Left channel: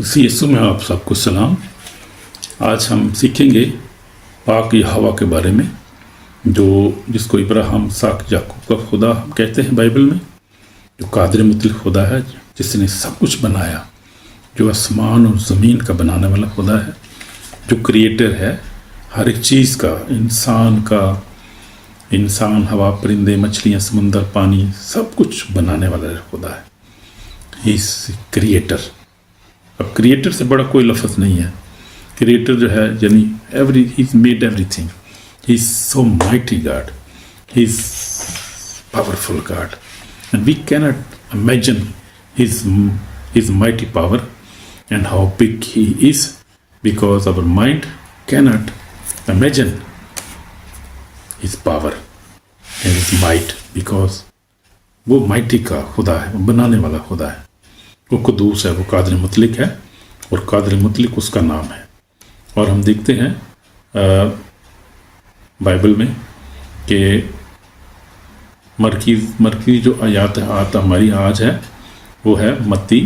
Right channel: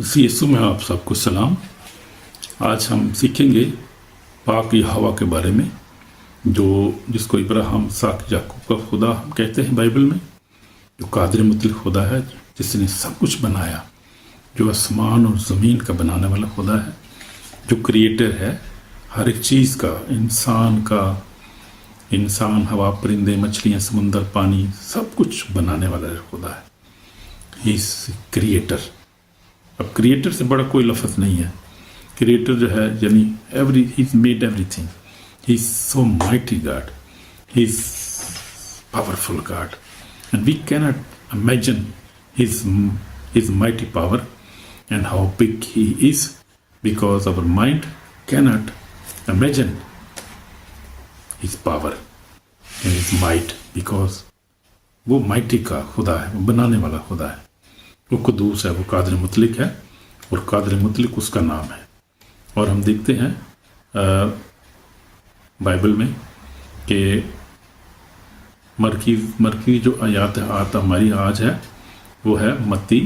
इसी यीशु में आप सबको सलाम। आज हम सीखेंगे पाक यहोवा के बारे में, जिसको इब्राहिम साक याकूब का खुदा हम कहते हैं बाइबल में, जो कादिर मुतलक खुदा है, जिसने सब कुछ बनाया, जो आसमान और ज़मीन का बनाने वाला खुदा है, जो क्रिएटर है हर एक चीज़ का, इंसान, हवा, परिंदे, मछलियाँ, समुंदर, पानी, सब कुछ बनाने वाला खुदा है। He is creator. अब क्रिएटर से बड़ा कोई लफ्ज़ नहीं है। क्रिएटर जो है यानी he made everything. He is so mighty God, he is powerful God, and we cannot imagine his mighty power and how big he is, because our mind cannot imagine his power and his might, because वो mighty का खुदा है, वो बनाने वाला खुदा है, वो कुदूस है, वो कादिर मुतलक है, और कादिर मुतलक उसका नाम है। और हम देखते हैं बाइबल में कि मरकी जो आयत हमारी आज है वो है मत्ती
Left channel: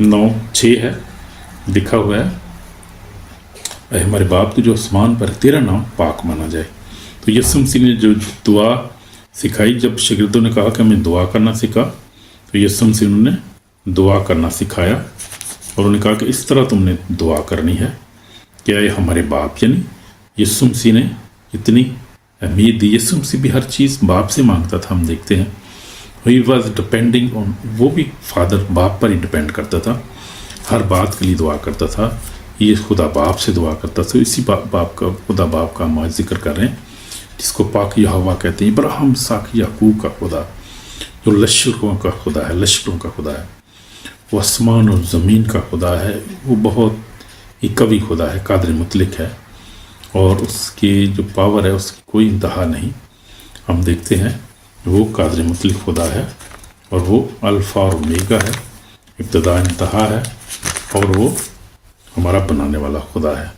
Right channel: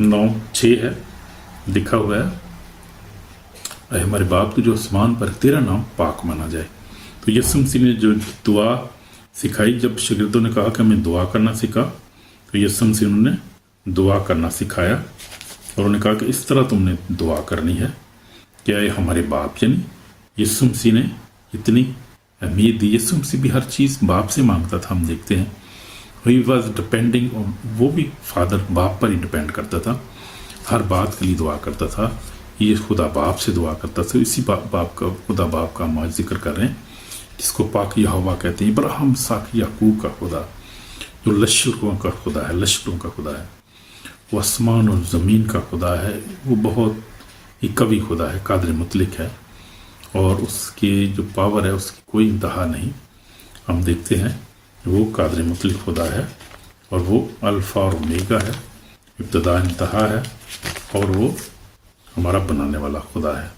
9:6 है, लिखा हुआ है, अरे हमारे बाप को जो आसमान पर तेरा नाम पाक माना जाए। तो यीशु मसीह ने जो दुआ सिखाई, जब शागिर्दों ने कहा कि हमें दुआ करना सीखा, तो यीशु मसीह ने दुआ करना सिखाया और उन्होंने कहा कि इस तरह तुमने दुआ करनी है। क्या ये हमारे बाप, यानी यीशु मसीह ने इतनी अहमियत दी। यीशु मसीह भी हर चीज़ बाप से मांगता था। हम देखते हैं ही वॉज डिपेंडिंग ऑन, वो भी फादर बाप पर ही डिपेंड करता था, हर बात के लिए दुआ करता था। ये खुदा बाप से दुआ करता था। इसी बाप का, खुदा बाप का हम जिक्र कर रहे हैं, जिसको पाक यहोवा कहते हैं। इब्राहिम साक याकूब का खुदा, जो लश्करों का खुदा है, लश्करों का खुदा है, वो आसमान और ज़मीन का खुदा है, वो बहुत ही कवि खुदा है, कादिर मुतलक है, और उसकी जो पावर है उसकी कोई इंतहा नहीं। हम देखते हैं वो कादिर मुतलक खुदा है, और वो अल्फ़ा और ओमेगा है, इब्तिदा इंतहा है, और वो हमारा बनाने वाला खुदा है।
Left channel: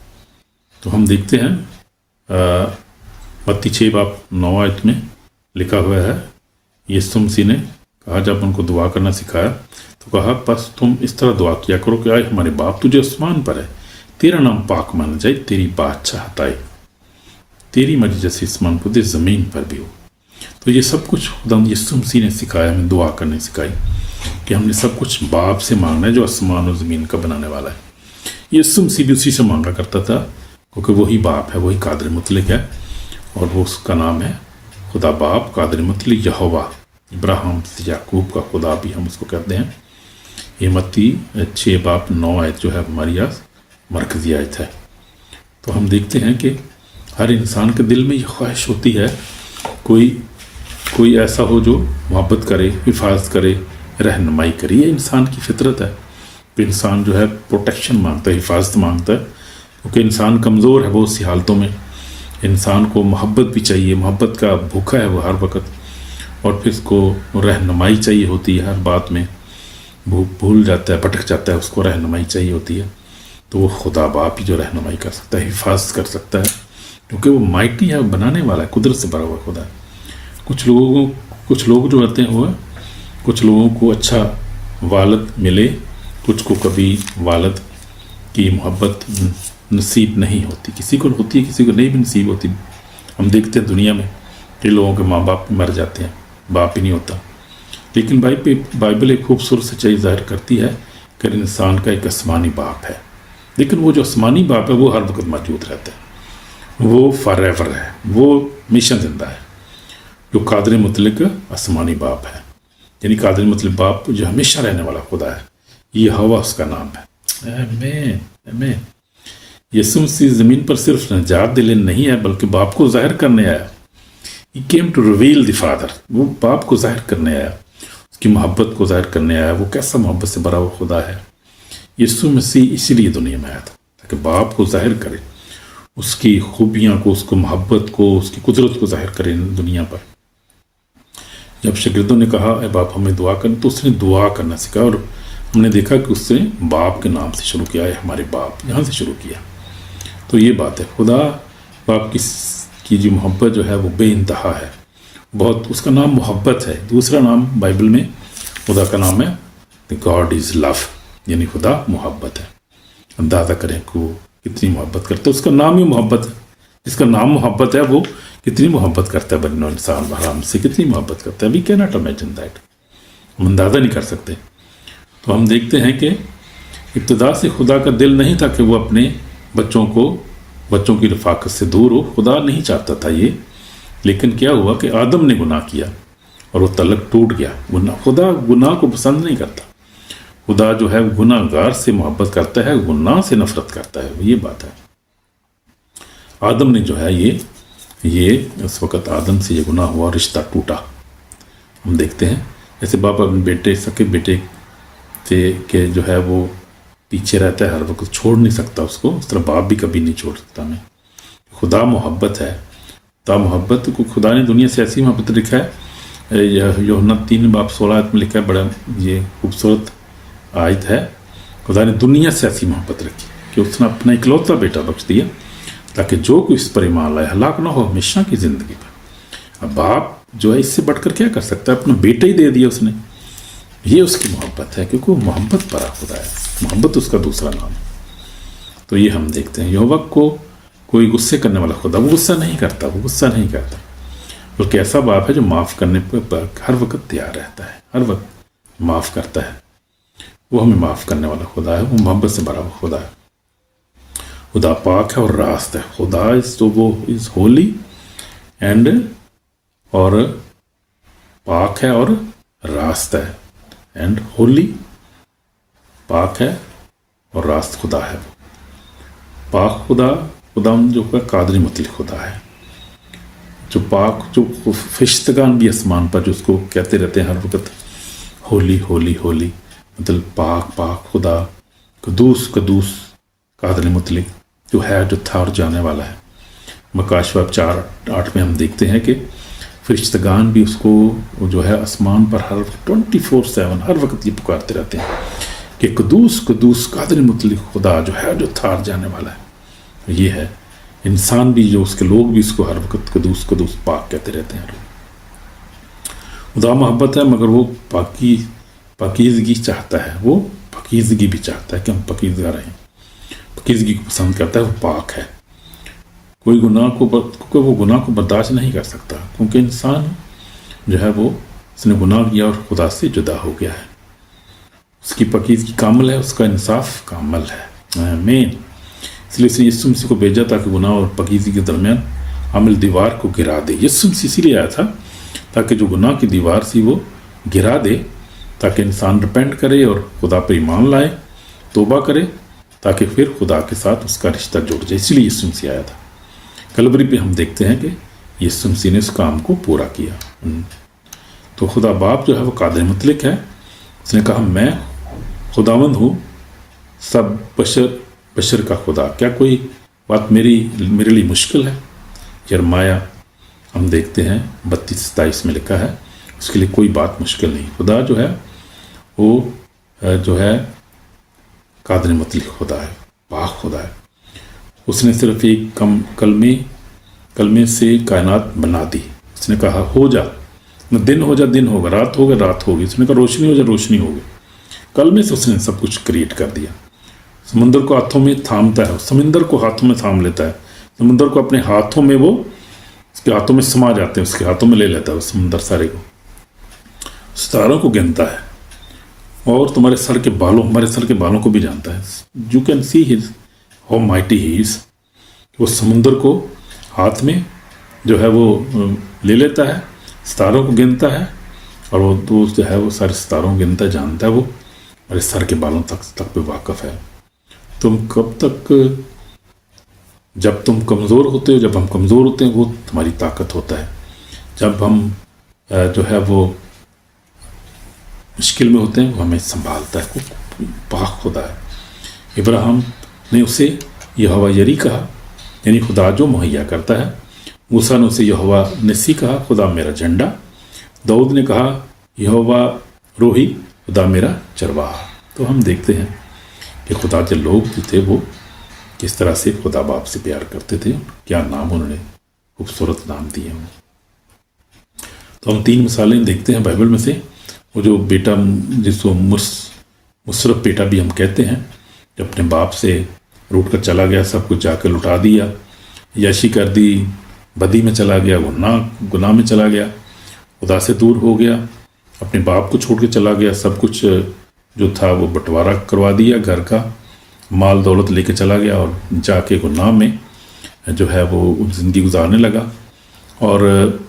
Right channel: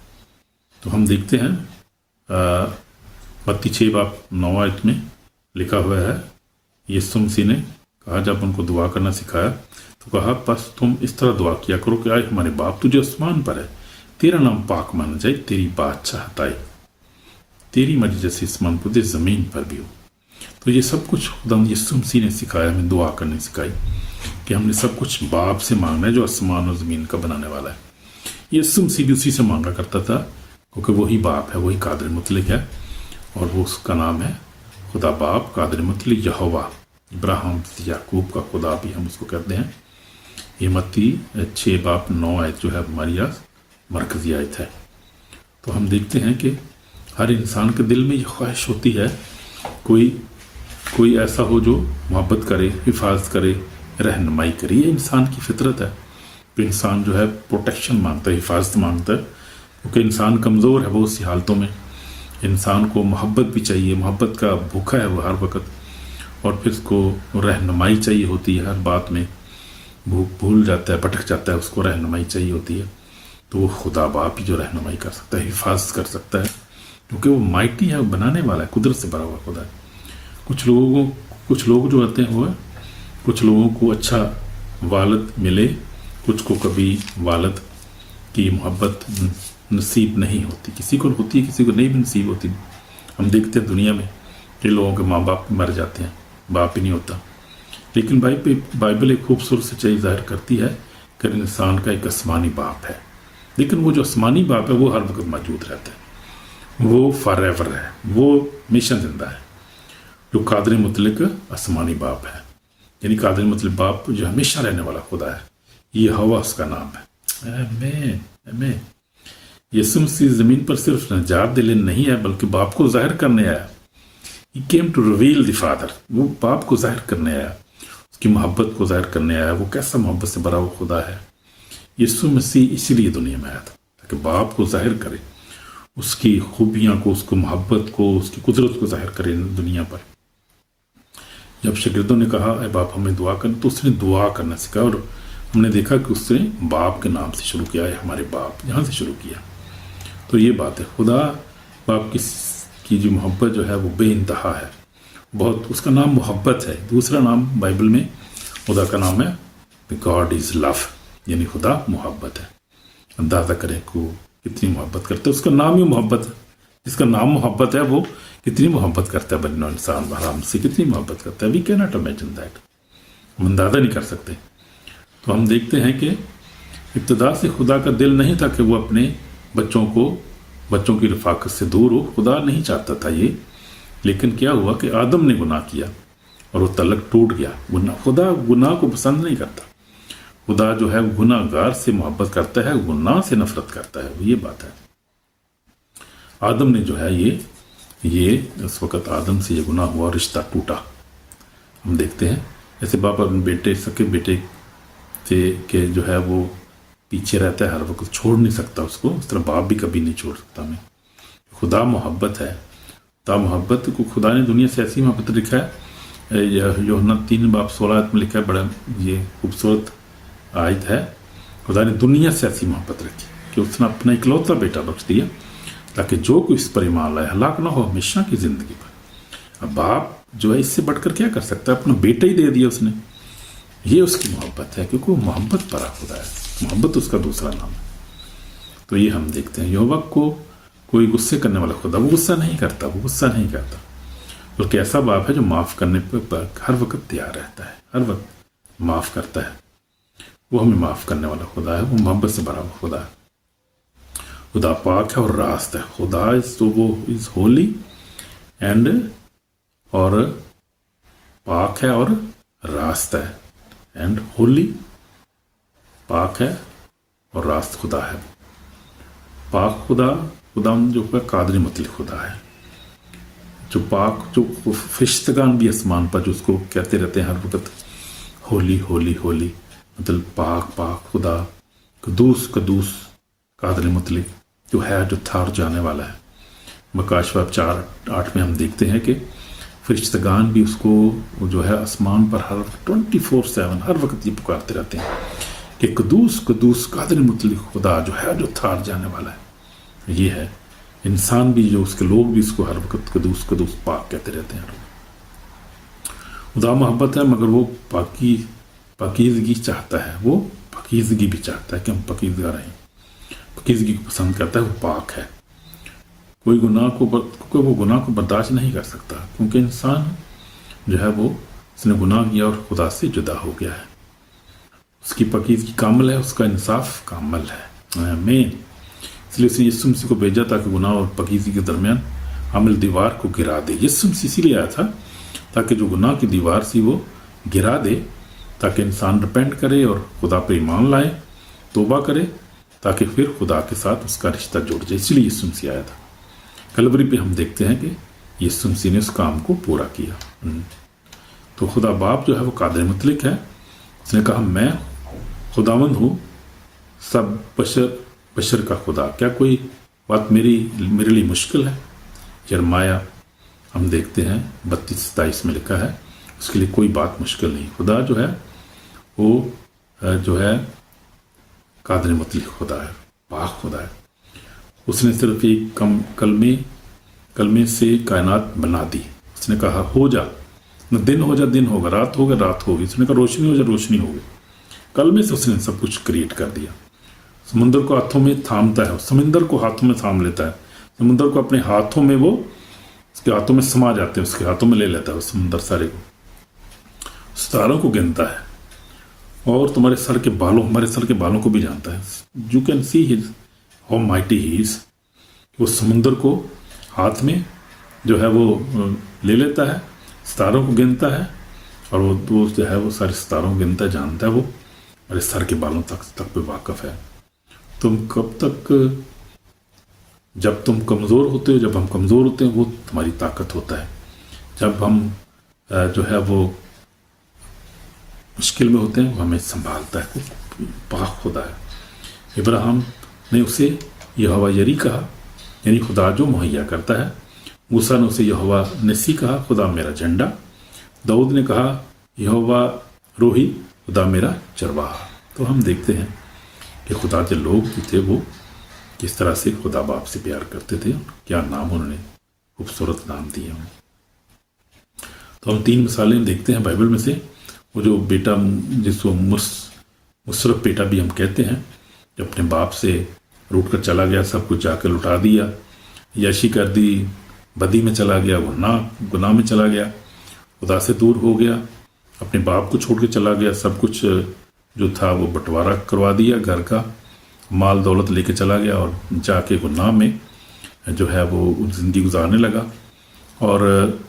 तो हम देखते हैं मत्ती 6:9 में लिखा हुआ है, यीशु मसीह ने कहा, जब उनको दुआ करना सिखाया तो कहा, बस तुम इस तरह दुआ किया करो कि आए हमारे बाप तुझे आसमान पर है, तेरा नाम पाक माना जाए, तेरी बादशाहत आए, तेरी मर्जी जैसे आसमान पर ज़मीन पर भी हो। तो ये सब कुछ खुदा यीशु मसीह ने सिखाया, हमें दुआ करने सिखाई कि हमने सब कुछ बाप से मांगना है, जो आसमान और ज़मीन का बनाने वाला है। यीशु मसीह भी उसी से मांगा करता था, क्योंकि वही बाप है, वही कादिर मुतलक है, और वो उसका नाम है खुदा बाप कादिर मुतलक यहोवा। इब्राहिम याकूब का खुदा भी हम उसको कहते हैं। ये मत्ती 6:9 जो है हमारी आज मरकज़ी आयत है। तो हम देखते हैं कि हर इंसान के दिल में ये ख्वाहिश होती है, कोई ऐसा हो जो मोहब्बत करे, हिफाजत करे, रहनुमाई करे। ये इंसान की फितरत है कि इंसान जो है प्रोटेक्शन मांगता है, हिफाजत मांगता है, क्योंकि इंसान कमज़ोर है बहुत सी हालतों में। इंसान को मोहब्बत भी चाहिए, मोहब्बत का भूखा है वो हर वक्त, और फिर उसको रहनुमाई चाहिए होती है हर बात में। भूल जाता है, भटक जाता है, उसको रहनुमाई चाहिए होती है। तो वो खुदा बाप ही जो रहनुमाई कर सकता है, हिफाजत कर सकता है, क्योंकि वो माइटी है, बनाने वाला है, कुदरत से भरा हुआ खुदा है। कुछ लोग जो होते हैं, कुछ लोगों को अच्छा वालद मिले, कुछ को कभी वालद की मोहब्बत नसीब नहीं होती। किसी को होती है, किसी को नहीं भी नसीब होती। हम देखते हैं दुनिया में कि लोगों के माँ बाप मर जाते हैं, बाप ही नहीं होता। लेकिन बाइबल एक खूबसूरत सच्चाई ज़ाहिर करती है कि इंसान का एक आसमानी बाप है, लेकिन वो जो आसमानी बाप है वो हर वक्त मौजूद रहता है, वो फॉरएवर है, वो मिशन जिंदा है, जो कादिर मुतलक आसमानी बाप है, यानी कादिर मुतलक बाप जो हमेशा रहने वाला खुदा है। ये हवा उसका नाम है। आमीन आमीन। यीशु मसीह ज़मीन पर सिर्फ नजात दिले नहीं है, बल्कि बाप को जाहिर करने आया। He came to reveal the Father। वो बाप को जाहिर करने आया, उसकी मोहब्बत को जाहिर करने आया। वो कैसा मोहब्बत से भरा हुआ खुदा है। यीशु मसीह इसलिए दुनिया में आया था ताकि बाप को जाहिर करे, उसकी खूबियाँ को, उसको मोहब्बत को, उसकी कुदरत को जाहिर करे दुनिया पर। जब शागिर्दों ने कहा ए बाप हमें दुआ करना, तो उसने दुआ करना सीखा, और हमने देखा कि उसने बाप के नाम से शुरू किया है, हमारे बाप, यहाँ से शुरू किया। तो ये बात है, खुदा बाप की जो मोहब्बत जो है वो बेइंतहा है, बहुत। उसका नाम मोहब्बत है। दूसरा नाम बाइबल में खुदा का नाम है गॉड इज़ लव, यानी खुदा मोहब्बत है। अंदाज़ा करें कि वो कितनी मोहब्बत करता है, उसका नाम ही मोहब्बत है। जिसका नाम मोहब्बत है वो कितनी मोहब्बत करता है बनो इंसान आराम से, कितनी मोहब्बत करता है। We can not imagine that, हम अंदाज़ा नहीं कर सकते। तो हम देखते हैं कि इब्तिदा से खुदा का दिल नहीं था कि वो अपने बच्चों की रफाकत से दूर हो, खुदा नहीं चाहता था ये। लेकिन क्या हुआ कि आदम ने गुनाह किया और वो तलक टूट गया। खुदा गुनाह को पसंद नहीं करता। खुदा जो है गुनाहगार से मोहब्बत करता है, गुनाह से नफरत करता है, ये बात है। आदम ने जो है ये इस वक्त आदम से ये गुनाह हुआ, रिश्ता टूटा। हम देखते हैं जैसे बाप अपने बेटे, सके बेटे से के जो है वो पीछे रहता है, हर वक्त छोड़ नहीं सकता उसको, उस तरह बाप भी कभी नहीं छोड़ सकता हमें। खुदा मोहब्बत है। खुदा मोहब्बत को खुदा ने दुनिया से ऐसी मोहब्बत लिखा है, यूहन्ना 3:16 में लिखा है, बड़ा ये खूबसूरत आयत है। खुदा ने दुनिया से ऐसी मोहब्बत रखी कि उसने अपना इकलौता बेटा बख्श दिया ताकि जो कोई इस पर ईमान लाए हलाक ना हो, हमेशा की ज़िंदगी पर। अब बाप जो है इससे बढ़कर क्या कर सकता है, अपना बेटा ही दे दिया उसने। ये उसकी मोहब्बत है, क्योंकि वो मोहब्बत परा खुदा है, मोहब्बत उसका दूसरा नाम है। तो ये हम देखते हैं यहोवा को कोई गुस्से करने वाला खुदा, वो गुस्सा नहीं करता, वो गुस्सा नहीं करता, बल्कि ऐसा बाप है जो माफ़ करने पर हर वक्त तैयार रहता है, हर वक्त माफ़ करता है। वो हमें माफ़ करने वाला खुदा है, वो मोहब्बत से भरा हुआ खुदा है। खुदा पाक है और रास्त है। खुदा इज़ होली एंड, और पाक है और रास्त है, एंड होली, पाक है और रास्त खुदा है। वो पाक खुदा जो है कादरी मुतलक खुदा है, जो पाक, जो फरिश्तगान भी आसमान पर जो उसको कहते रहते हैं हर वक्त होली होली होली, मतलब पाक पाक खुदा, कदूस कदूस कादरी मुतलक जो है, जो था और जाने वाला है। मकाशवाब 4:8 में हम देखते हैं कि फरिश्तगान भी उसको जो है आसमान पर हर 24/7 हर वक्त ये पुकारते रहते हैं कि कदूस कदूस कादर मुतलक खुदा जो है, जो था और जाने वाला है। ये है इंसान भी, जो उसके लोग भी इसको हर वक्त कदूस कदूस पाक कहते रहते हैं। खुदा मोहब्बत है, मगर वो पाकीज़गी चाहता है, वो पाकीज़गी भी चाहता है कि हम पाकीज़गा रहें। पाकीज़गी को पसंद करता है, वो पाक है। कोई क्योंकि वो गुनाह को बर्दाश्त नहीं कर सकता, क्योंकि इंसान जो है वो उसने गुनाह किया और खुदा से जुदा हो गया है। उसकी पाकीज़गी कामिल है, उसका इंसाफ कामिल है। आमीन। इसलिए उसने यीशु मसीह को भेजा ताकि गुनाह और पाकीज़गी के दरमियान हामिल दीवार को गिरा दे। यीशु मसीह इसीलिए आया था ताकि जो गुनाह की दीवार थी वो गिरा दे, ताकि इंसान रिपेंट करे और खुदा पर ईमान लाए, तौबा करे, ताकि फिर खुदा के साथ उसका रिश्ता जुड़ जाए। इसलिए यीशु मसीह आया था। कलवरी पे हम देखते हैं कि यीशु मसीह ने उस काम को पूरा किया। तो खुदा बाप जो है वो कादिर मुतलक है। उसने कहा मैं खुदावंद हूँ, सब बशर का खुदा, क्या कोई बात मेरे लिए मुश्किल है। यिर्मयाह हम देखते हैं 32-27 में लिखा है, उसके लिए कोई बात मुश्किल नहीं। खुदा जो है वो जो है कादिर मुतलक खुदा है, पाक खुदा है। उसने सिर्फ एक कलमे से कायनात बना दी। उसने कहा हो जा, दिन हो जा दिन होगा, रात होगा रात होगी। उसने कहा रोशनी हो जा रोशनी होगी। कलमे से उसने सब कुछ क्रिएट कर दिया। समुंदर को हाथों में थामता है, समुंदर को हाथों में थाम लेता है। समुंदर को अपने हाथों में, वो उसके हाथों में समा जाते हैं, उसके हाथों में ले लेता है समुंदर सारे को। सितारों को गिनता है और तुम्हारे सर के बालों, हमारे सर के बालों को भी जानता है। You can see his how mighty he is. वो समुंदर को हाथ में जो है वो ले लेता है, सितारों को गिनता है, और वो जो है वो सारे सितारों को गिनता जानता है। वो हमारे सर के बालों तक पे वाकिफ है। तुम कब तक, जब तुम कमज़ोर होते हो, जब हम कमज़ोर होते हैं वो तुम्हारी ताकत होता है। जब हम जो है वो मुश्किल में होते हैं वो हमें संभालता है। वो पाक खुदा है। इब्राहिम ने उसे यहोवा यरी कहा, यानी खुदा जो मुहैया करता है। मूसा ने उसे यहोवा निस्सी कहा, खुदा मेरा झंडा। दाऊद ने कहा यहोवा रोही, खुदा मेरा चरवाहा। तो हम देखते हैं कि खुदा के लोग जो थे वो किस तरह से खुदा बाप से प्यार करते थे, क्या नाम उन्होंने खूबसूरत नाम दिए हैं। तो हम 3 मिसालें देखते हैं बाइबल में से। وہ جو بیٹا جس کو مصرف بیٹا بھی ہم کہتے ہیں، جو اپنے باپ سے روٹ کر چلا گیا، سب کچھ جا کے لٹا دیا، یاشی کر دی، بدی میں چلا گیا، گناہ میں چلا گیا، خدا سے دور ہو گیا، اپنے باپ کو چھوڑ کے چلا گیا، سب کچھ جو تھا وہ بٹوارا کروا دیا، گھر کا مال دولت لے کے چلا گیا، اور جا کے گناہ میں جو ہے وہ زندگی گزارنے لگا، اور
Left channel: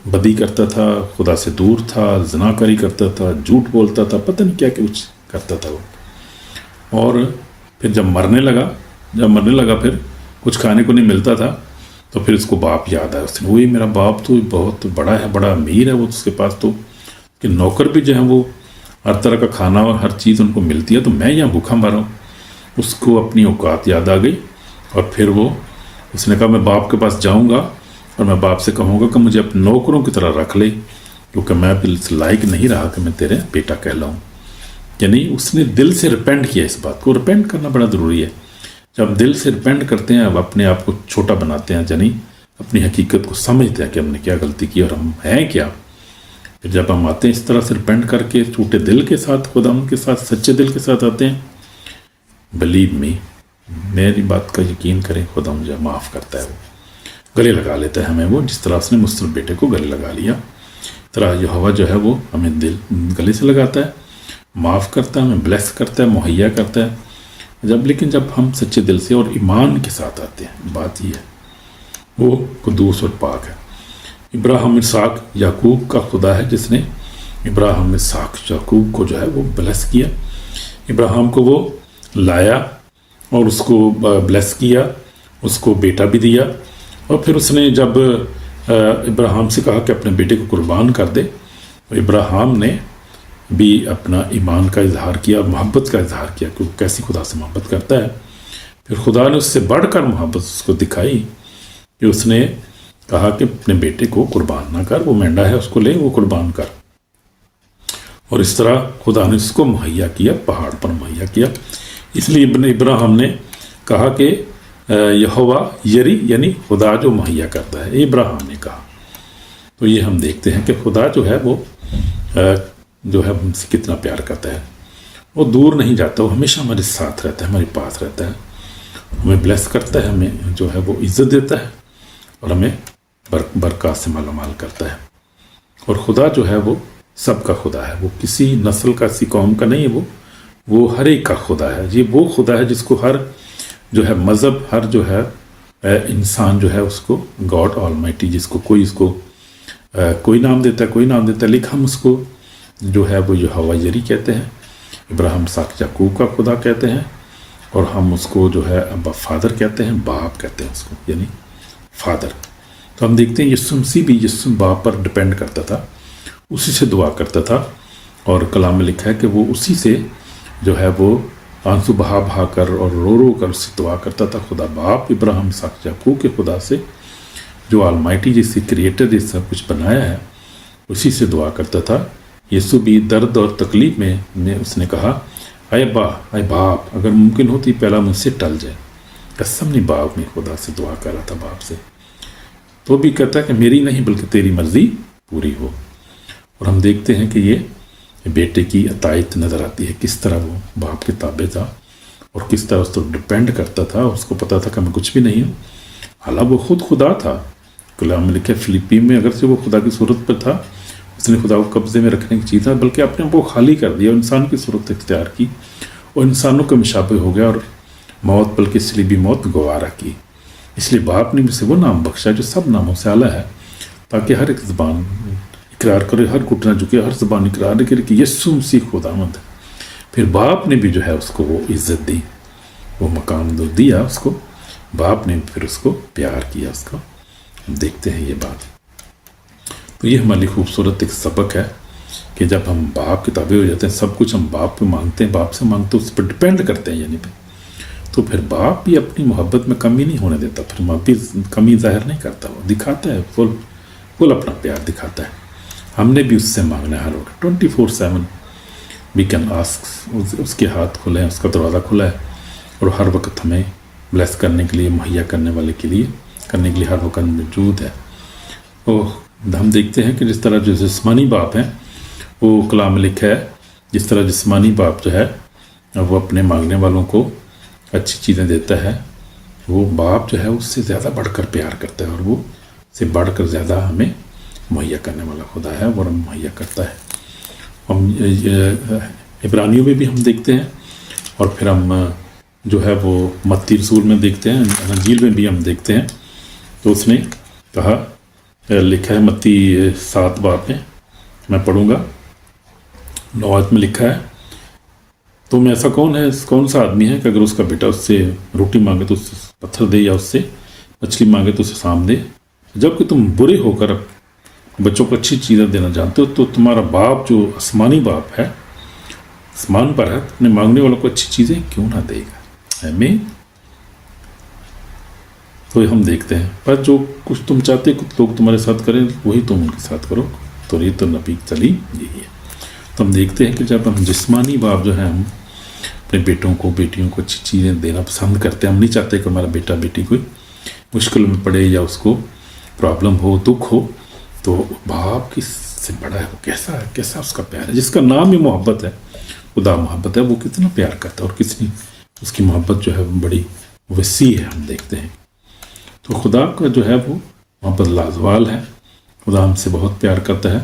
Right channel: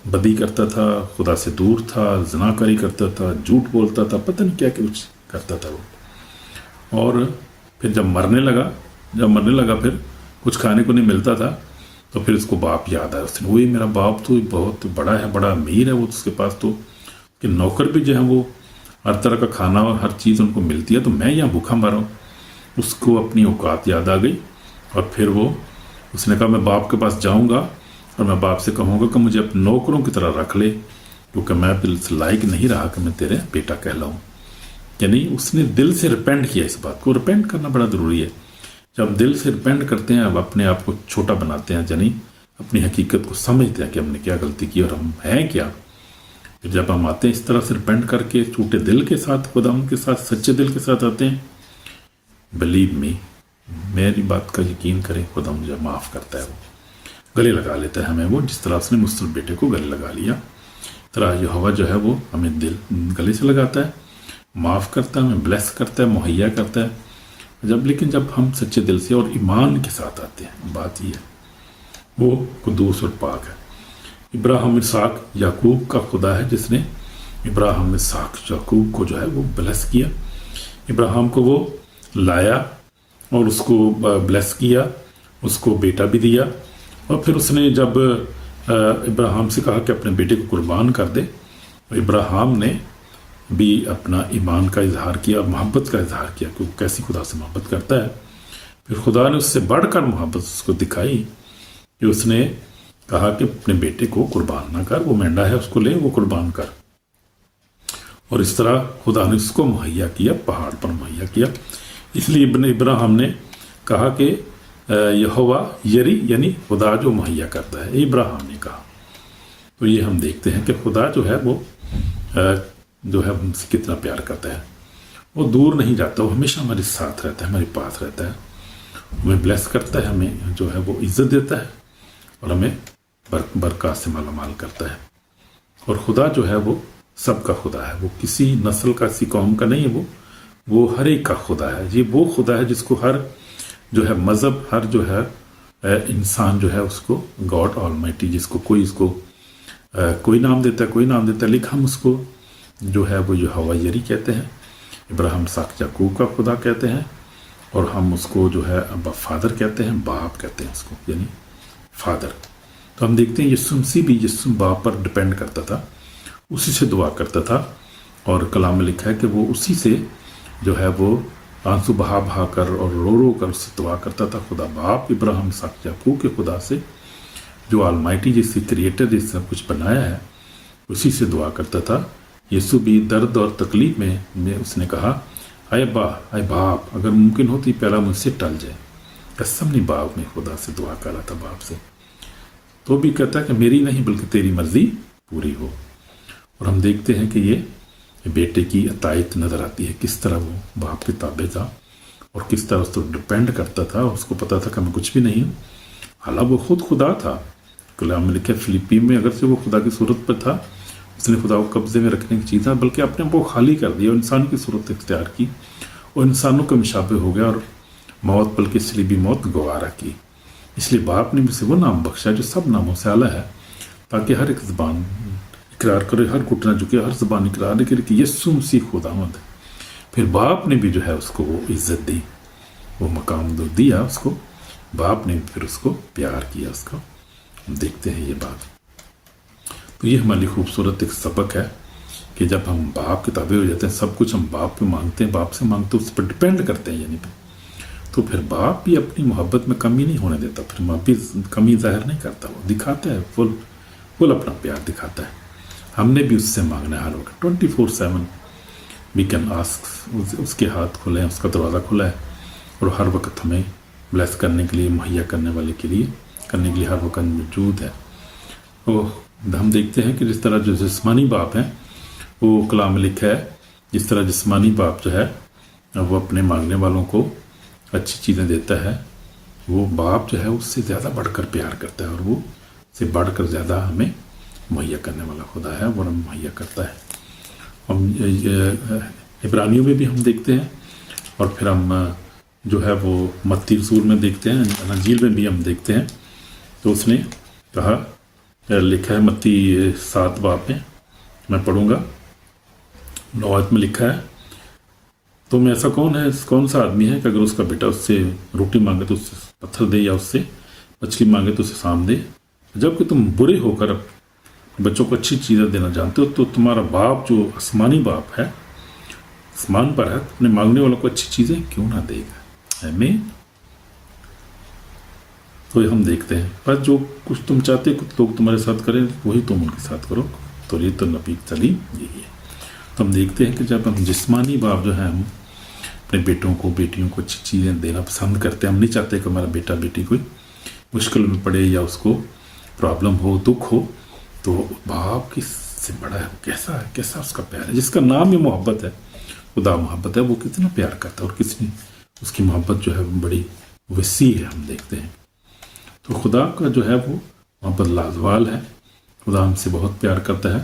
بدی کرتا تھا، خدا سے دور تھا، زنا کاری کرتا تھا، جھوٹ بولتا تھا، پتہ نہیں کیا کچھ کرتا تھا وہ۔ اور پھر جب مرنے لگا پھر کچھ کھانے کو نہیں ملتا تھا، تو پھر اس کو باپ یاد آیا، اس نے وہی میرا باپ تو بہت بڑا ہے، بڑا امیر ہے، وہ اس کے پاس تو کہ نوکر بھی جو ہے وہ ہر طرح کا کھانا اور ہر چیز ان کو ملتی ہے، تو میں یہاں بھوکا مر رہا ہوں۔ اس کو اپنی اوقات یاد آ گئی، اور پھر اس نے کہا میں باپ کے پاس جاؤں گا اور میں باپ سے کہوں گا کہ مجھے اپنے نوکروں کی طرح رکھ لے، کیونکہ میں پھر اس لائق نہیں رہا کہ میں تیرے بیٹا کہلاؤں۔ یعنی اس نے دل سے ریپینٹ کیا، اس بات کو ریپینٹ کرنا بڑا ضروری ہے۔ جب دل سے ریپینٹ کرتے ہیں، اب اپنے آپ کو چھوٹا بناتے ہیں، یعنی اپنی حقیقت کو سمجھتے ہیں کہ ہم نے کیا غلطی کی اور ہم ہیں کیا۔ جب ہم آتے ہیں اس طرح سے ریپینٹ کر کے، ٹوٹے دل کے ساتھ، خدا ان کے ساتھ سچے دل کے ساتھ آتے ہیں، بلیو می، میری بات کا یقین کریں، خدا مجھے معاف کرتا ہے، وہ گلے لگا لیتا ہے ہمیں، وہ جس طرح اس نے مصرف بیٹے کو گلے لگا لیا، اس طرح یہوہ جو ہے وہ ہمیں گلے سے لگاتا ہے، معاف کرتا ہے، ہمیں بلیس کرتا ہے، مہیا کرتا ہے۔ لیکن جب ہم سچے دل سے اور ایمان کے ساتھ آتے ہیں، بات یہ ہے وہ قدوس اور پاک ہے۔ ابراہیم اسحاق یعقوب کا خدا ہے جس نے ابراہیم اسحاق یعقوب کو جو ہے وہ بلیس کیا، ابراہیم کو وہ لایا اور اس کو بلیس کیا، اس کو بیٹا بھی دیا، اور پھر اس نے جب ابراہیم سے کہا کہ اپنے بیٹے کو قربان کر دے، ابراہیم نے بھی اپنا ایمان کا اظہار کیا اور محبت کا اظہار کیا کہ وہ کیسی خدا سے محبت کرتا ہے۔ پھر خدا نے اس سے بڑھ کر محبت اس کو دکھائی کہ اس نے کہا کہ اپنے بیٹے کو قربان نہ کر، وہ مینڈا ہے، اس کو لے، وہ قربان کر، اور اس طرح خدا نے اس کو مہیا کیا، پہاڑ پر مہیا کیا۔ اس لیے ابن ابراہیم نے کہا کہ یہوہ یری، یعنی خدا جو مہیا کرتا ہے، ابراہیم نے کہا۔ تو یہ ہم دیکھتے ہیں کہ خدا جو ہے وہ جو ہے ہم سے کتنا پیار کرتا ہے، وہ دور نہیں جاتا، وہ ہمیشہ ہمارے ساتھ رہتا ہے، ہمارے پاس رہتا ہے، ہمیں بلیس کرتا ہے، ہمیں جو ہے وہ عزت دیتا ہے، اور ہمیں برکات سے مالا مال کرتا ہے۔ اور خدا جو ہے وہ سب کا خدا ہے، وہ کسی نسل کا، کسی قوم کا نہیں ہے، وہ ہر ایک کا خدا ہے۔ یہ وہ خدا ہے جس کو ہر جو ہے مذہب، ہر جو ہے انسان جو ہے اس کو گاڈ آلمائٹی، جس کو کوئی نام دیتا ہے، کوئی نام دیتا ہے، لیکن ہم اس کو جو ہے وہ یہوہ یری کہتے ہیں، ابراہیم اسحاق یعقوب کا خدا کہتے ہیں، اور ہم اس کو جو ہے ابا فادر کہتے ہیں، باپ کہتے ہیں اس کو، یعنی فادر۔ تو ہم دیکھتے ہیں یسوع مسیح بھی باپ پر ڈپینڈ کرتا تھا، اسی سے دعا کرتا تھا، اور کلام میں لکھا ہے کہ وہ اسی سے جو ہے وہ آنسو بہا کر اور رو کر اس سے دعا کرتا تھا، خدا باپ ابراہیم اسحاق یعقوب کے خدا سے، جو آلمائٹی جس سے کریٹر جس سب کچھ بنایا ہے، اسی سے دعا کرتا تھا۔ یسوع بھی درد اور تکلیف میں اس نے کہا، اے باپ، اگر ممکن ہوتی پہلا مجھ سے ٹل جائے۔ قسم نہیں، باپ میں خدا سے دعا کر رہا تھا، باپ سے، تو بھی کہتا کہ میری نہیں بلکہ تیری مرضی پوری ہو۔ اور ہم دیکھتے ہیں کہ یہ بیٹے کی اطاعت نظر آتی ہے، کس طرح وہ باپ کے تابع تھا اور کس طرح اس پر ڈپینڈ کرتا تھا، اس کو پتا تھا کہ میں کچھ بھی نہیں ہوں، حالانکہ وہ خود خدا تھا۔ کلام میں لکھا فلیپی میں اگرچہ وہ خدا کی صورت پر تھا، اس نے خدا کو قبضے میں رکھنے کی چیز تھا، بلکہ اپنے آپ کو خالی کر دیا، انسان کی صورت اختیار کی اور انسانوں کے مشابہ ہو گیا، اور موت بلکہ صلیبی موت گوارا کی۔ اس لیے باپ نے مجھ سے وہ نام بخشا جو سب ناموں سے اعلیٰ ہے، تاکہ ہر ایک زبان اقرار کرے، ہر گھٹنا جھکے، ہر زبان اقرار کرے کہ یسوع مسیح خداوند ہے۔ پھر باپ نے بھی جو ہے اس کو وہ عزت دی، وہ مقام دیا اس کو، باپ نے پھر اس کو پیار کیا، اس کو ہم دیکھتے ہیں یہ بات۔ تو یہ ہماری خوبصورت ایک سبق ہے کہ جب ہم باپ کے تابع ہو جاتے ہیں، سب کچھ ہم باپ پہ مانگتے ہیں، باپ سے مانگتے ہیں، اس پر ڈپینڈ کرتے ہیں، یعنی تو پھر باپ بھی اپنی محبت میں کمی نہیں ہونے دیتا، پھر باپ بھی کمی ظاہر نہیں کرتا، وہ دکھاتا ہے، فل اپنا پیار دکھاتا ہے۔ ہم نے بھی اس سے مانگنا ہے ہر وقت، 24/7 وی کین آسک، اس کے ہاتھ کھلے ہیں، اس کا دروازہ کھلا ہے، اور ہر وقت ہمیں بلیس کرنے کے لیے، مہیا کرنے والے کے لیے، کرنے کے لیے ہر وقت موجود ہے۔ تو ہم دیکھتے ہیں کہ جس طرح جو جسمانی باپ ہیں، وہ کلام میں لکھا ہے जिस तरह जिस्मानी बाप जो है वो अपने मांगने वालों को अच्छी चीज़ें देता है, वो बाप जो है उससे ज़्यादा बढ़कर प्यार करता है और वो से बढ़कर ज़्यादा हमें मुहैया करने वाला खुदा है और हम मुहैया करता है। हम इब्रानियों में भी हम देखते हैं और फिर हम जो है वो मत्ती रसूल में देखते हैं, अंजील में भी हम देखते हैं। तो उसने कहा, लिखा है मत्ती 7 बाब में, मैं पढ़ूंगा, 9 आयत में लिखा है, तुम ऐसा कौन सा आदमी है कि अगर उसका बेटा उससे रोटी मांगे तो उससे पत्थर दे, या उससे मछली मांगे तो उसे सांप दे? जबकि तुम बुरे होकर बच्चों को अच्छी चीज़ें देना जानते हो, तो तुम्हारा बाप जो आसमानी बाप है, आसमान पर है, अपने मांगने वालों को अच्छी चीज़ें क्यों ना देगा। आमीन। तो हम देखते हैं, पर जो कुछ तुम चाहते कुछ लोग तुम्हारे साथ करें वही तुम उनके साथ करो, तो ये तो नबी सलीम यही है। तो हम देखते हैं कि जब हम जिस्मानी बाप जो है, हम अपने बेटों को बेटियों को अच्छी चीज़ें देना पसंद करते हैं। हम नहीं चाहते कि हमारा बेटा बेटी कोई मुश्किल में पड़े या उसको प्रॉब्लम हो, दुख हो, तो बाप किससे बड़ा है, वो कैसा उसका प्यार है, जिसका नाम ही मोहब्बत है, खुदा मोहब्बत है, वो कितना प्यार करता है और कितनी उसकी मोहब्बत जो है बड़ी वसी है। हम देखते हैं तो खुदा का जो है वो मोहब्बत लाजवाल है। खुदा हमसे बहुत प्यार करता है।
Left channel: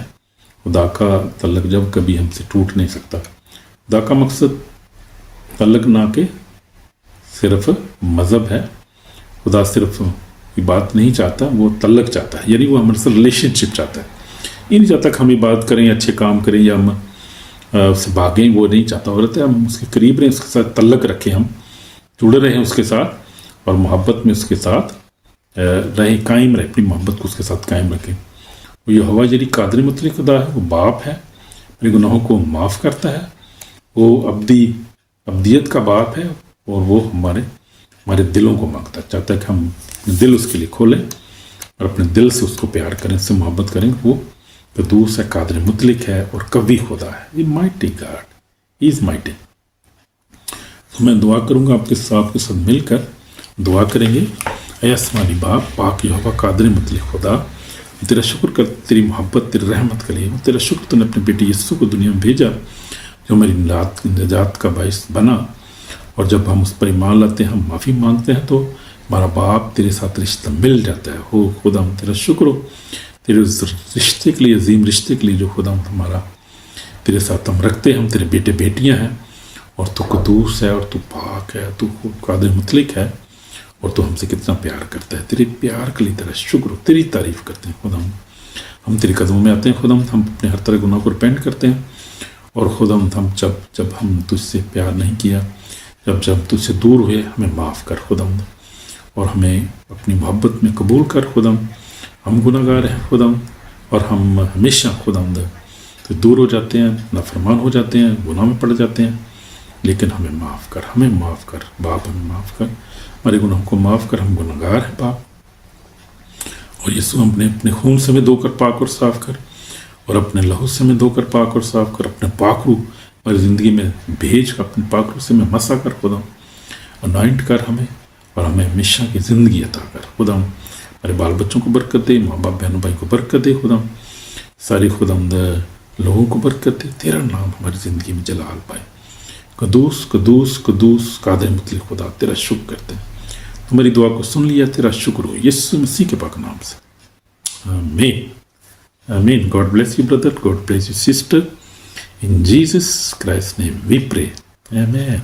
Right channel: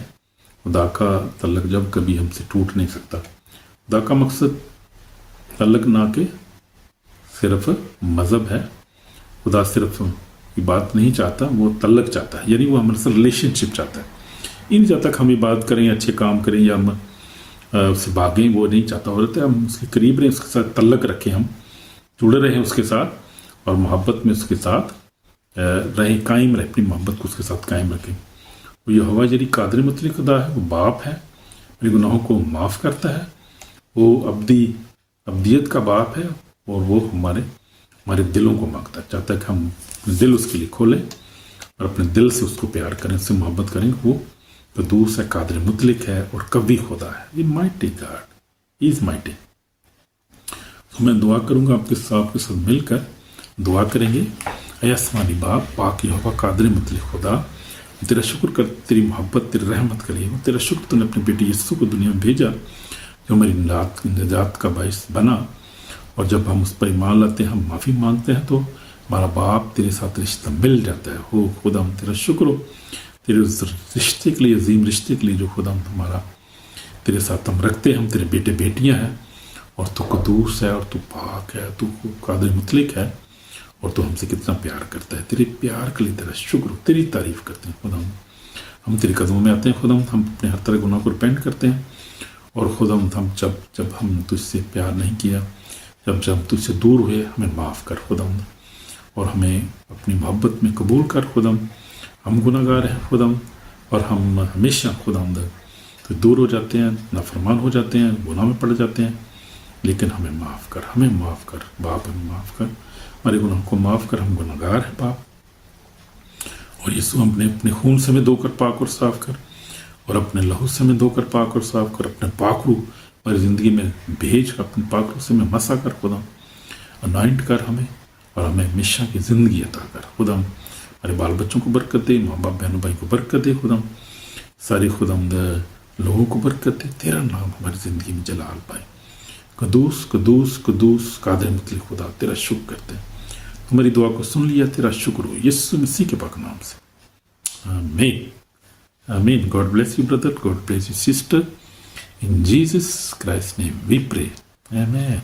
खुदा का तल्लक जब कभी हमसे टूट नहीं सकता। खुदा का मकसद तल्लक ना के सिर्फ मज़हब है। खुदा सिर्फ इबादत नहीं चाहता, वो तल्लक चाहता है, यानी वो हमारे साथ रिलेशनशिप चाहता है। ये नहीं चाहता कि हम इबादत करें, अच्छे काम करें या हम उससे भागें, वो नहीं चाहता। हो रहता है हम उसके करीब रहें, उसके साथ तल्लक रखें, हम जुड़े रहें उसके साथ और मोहब्बत में उसके साथ रहें, कायम रहे, अपनी मोहब्बत को उसके साथ कायम रखें। वो ये हवा जरी कादर मतलब खुदा है, वो बाप है, अपने गुनाहों को माफ़ करता है, वो अब्दियत का बाप है और वो हमारे दिलों को मांगता है, चाहता है कि हम दिल उसके लिए खोलें और अपने दिल से उसको प्यार करें, उससे मोहब्बत करें। वो कदूस है, कादर मुतलिक है और कवी खुदा है। ये माइटी गॉड इज़ माइटी। तो मैं दुआ करूँगा आपके साथ मिलकर दुआ करेंगे। ऐ आसमानी बाप, पाक यहोवा कादर मुतलिक खुदा, तेरा शुक्र कर, तेरी मोहब्बत, तेरी रहमत के लिए। तेरा शुक्र तूने अपने बेटे यीशु को दुनिया में भेजा, जो मेरी निजात का बाइस बना। और जब हम उस पर ईमान लाते हैं, हम माफ़ी मांगते हैं, तो हमारा बाप तेरे साथ रिश्ता मिल जाता है। हो खुदा, हम तेरा शुक्र हो तेरे उस रिश्ते के लिए, अजीम रिश्ते के लिए जो खुदा हमारा तेरे साथ हम रखते हैं। हम तेरे बेटे बेटियां हैं और तू कदूस है और तू पाक है, तू कादिर मुतलिक है और तू हमसे कितना प्यार करता है। तेरे प्यार के लिए तेरा शुक्र हो, तेरी तारीफ़ करते हैं खुदा। हम तेरे कदमों में आते हैं खुदा, हम अपने हर तरह गुनाह को रिपेंट करते हैं। और खुदा हम जब हम तुझसे प्यार नहीं किया, जब तुझसे दूर हुए, हमें माफ़ कर खुदा और हमें अपनी मोहब्बत में कबूल कर खुदा। हम गुनाहगार हैं खुदा और हम हमेशा खुदा तो दूर हो जाते हैं, नाफरमान हो जाते हैं, गुनाह में पड़ जाते हैं, लेकिन हमें माफ़ कर, हमें माफ़ कर बाप, हमें माफ़ कर, हमारे गुनाहों को माफ़ कर। हम गुनाहगार हैं बाप, और यीशु हमने अपने खून से हमें धोकर पाक और साफ़ कर, और अपने लहू से हमें धोकर पाक और साफ़ कर। अपने पाकरू हमारी ज़िंदगी में भेज कर, अपने पाकरू से हमें मसा कर खुदा, अनॉइंट कर हमें, और हमें हमेशा की ज़िंदगी अता कर खुदा। हमारे बाल बच्चों को बरकत दे, माँ बाप बहनों भाई को बरकत दे खुदा, सारी खुदा लोगों को बरकत दे। तेरा नाम हमारी ज़िंदगी में जलाल पाए। कदूस कदूस कदूस कादिर मुतलिक खुदा, तेरा शुक्र करते हैं। तुम्हारी दुआ को सुन लिया, तेरा शुक्र हो यीशु मसीह के पाक नाम से, आमीन आमीन। God bless you brother, God bless you sister, in Jesus Christ name we pray, आमीन।